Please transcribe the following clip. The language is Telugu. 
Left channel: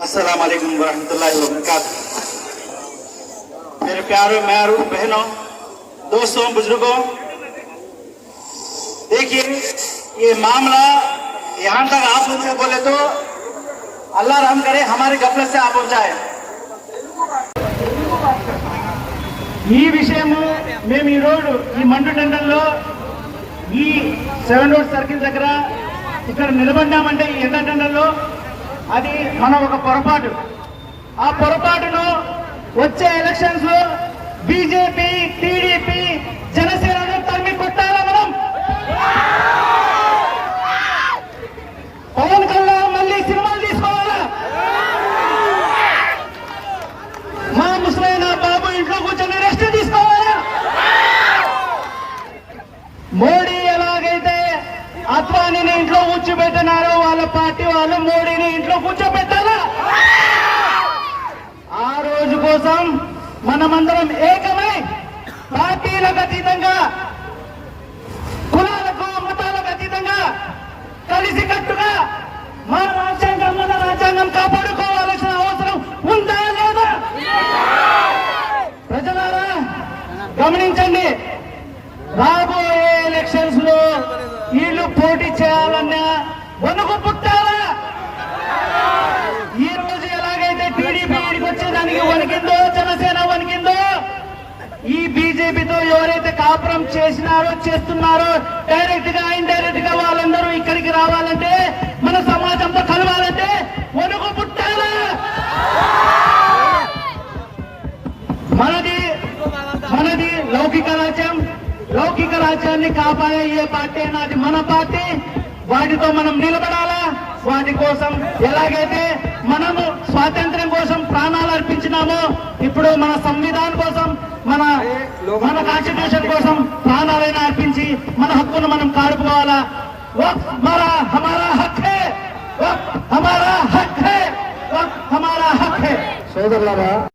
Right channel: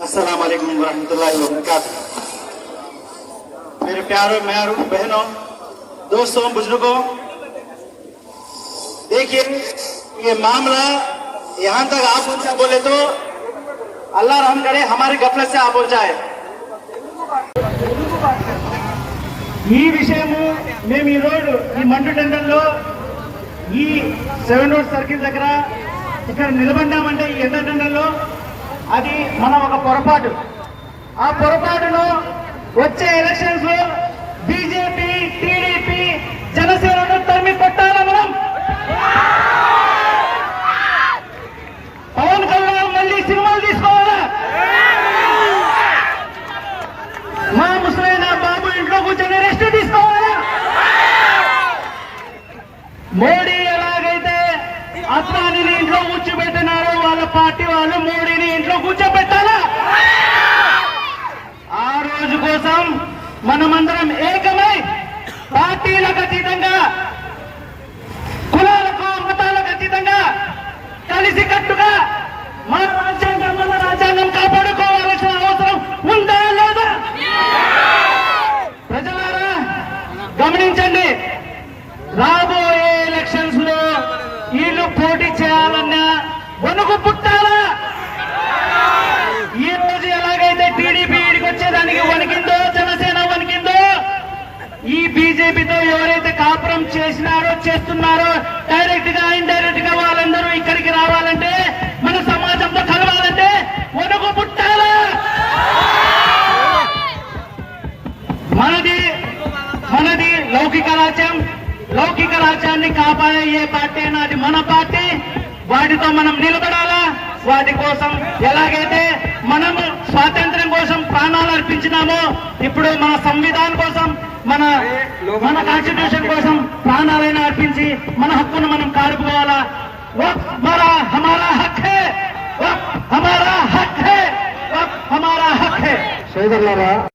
अस्सलाम वालेकुम वरहमतुल्लाहि वबरकातुह मेरे प्यारों म्यारों बहनों दोस्तों बुजुर्गों देखिए ये मामला यहाँ तक आप मुझसे बोले तो अल्लाह रहम करे हमारे गफलत से आप पहुंचाए ఈ విషయము మేము ఈ రోడ్డు ఈ మండు టెండర్లో ఈ సెవెన్ రోడ్ సర్కిల్ దగ్గర ఇక్కడ నిలబడ్డామంటే ఈ ఎండ టెండర్లో అది మన ఒక పొరపాటు. ఆ పొరపాటును వచ్చే ఎలక్షన్స్లో బీజేపీ టీడీపీ జనసేనను తరిమి కొట్టాలా మనం? పవన్ కళ్యాణ్ మళ్ళీ సినిమాలు తీసుకోవాలా? మా ముసలైన బాబు ఇంట్లో కూర్చొని రెస్ట్ తీసుకోవాలా? మోడీ ఎలాగైతే అత్వానిని ఇంట్లో కూర్చోబెట్టినారో వాళ్ళ పార్టీ వాళ్ళు మోడీని ఇంట్లో కూర్చోబెట్టాలా ఆ రోజు కోసం మనమందరం ఏకమై పార్టీలకు అతీతంగా కులాలకు మతాలకు అతీతంగా కలిసి కట్టుగా మన రాజ్యాంగం మన రాజ్యాంగం కాపాడుకోవాల్సిన అవసరం ఉందా లేదా? ప్రజలారా గమనించండి రాబోయే ఎలక్షన్స్లో వీళ్ళు పోటీ చేయాలన్నా వణుకు పుట్టాలా ఈ రోజు ఎలాగైతే టీడీపీ ఇడికి వచ్చేదానికి వణికిందో జనసేన వణికిందో ఈ బీజేపీతో ఎవరైతే కాపురం చేసినారో చేస్తున్నారో డైరెక్ట్గా ఇండైరెక్ట్గా వాళ్ళందరూ ఇక్కడికి రావాలంటే మన సమాజంతో కలవాలంటే మనకు పుట్టాలా. మనది మనది లౌకిక రాజ్యం. లౌకిక రాజ్యాన్ని కాపాడే ఏ పార్టీ అయినా మన పార్టీ. వాటితో మనం నిలబడాలా? వాటి కోసం ఎలాగైతే మనము స్వాతంత్రం కోసం ప్రాణాలు అర్పించినామో ఇప్పుడు మన సంవిధానం కోసం మన మన కాన్స్టిట్యూషన్ కోసం ప్రాణాలైనా అర్పించి మన హక్కును మనం కారుకోవాలా? వక్ఫ్ హమారా హక్ హమారా హక్ హమారా హక్ సోదరులారా